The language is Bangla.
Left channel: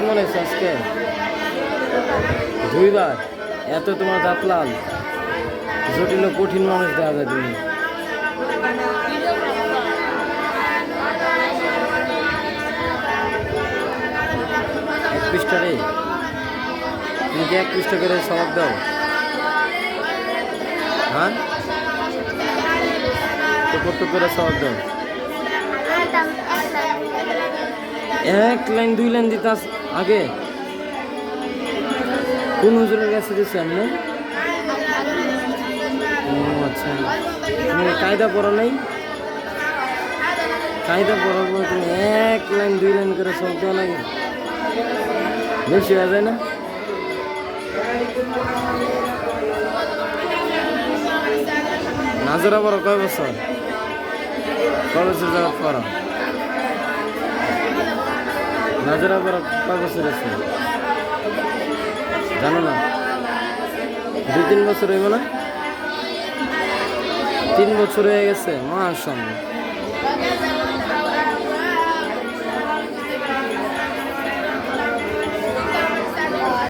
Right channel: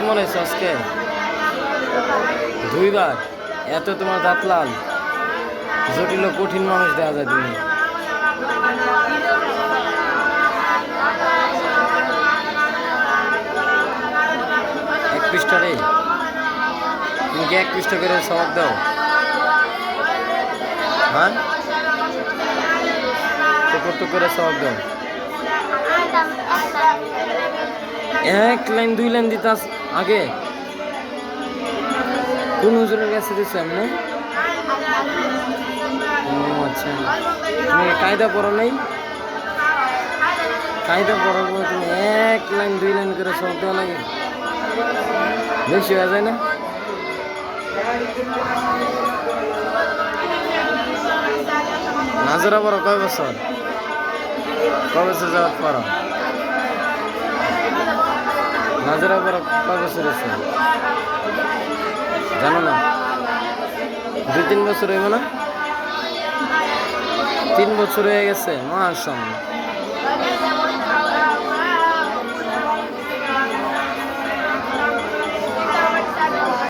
মনে হচ্ছে আজকে দুইবার এত তোমার দাঁত লাল জটিল কঠিন মানুষ দেখা যায় তুমি এক পৃষ্ঠা রে তুমি কি এক পৃষ্ঠা করে সবাব দাও? হ্যাঁ? টুকুর টুক করে সবাব দাও এক লাইন, দুই লাইন দিতাস আগে। কোন হুজুরের কাছে দিচ্ছেন না আচ্ছা। তুমি কায়দা পড়ো নাই? কায়দা পড়ার পর তুমি এক লাইন, দুই লাইন করে সব দেওয়া লাগে। বেশি হয়ে যায় না? নাজরা পড়ো কয় বছর? কয় বছর যাওয়ার পড়ো? নাজরা পড়ো কয় বছর আছে? জানো না? দু তিন বছর হইব না? তিন বছর হয়ে গেছে, মাশাআল্লাহ।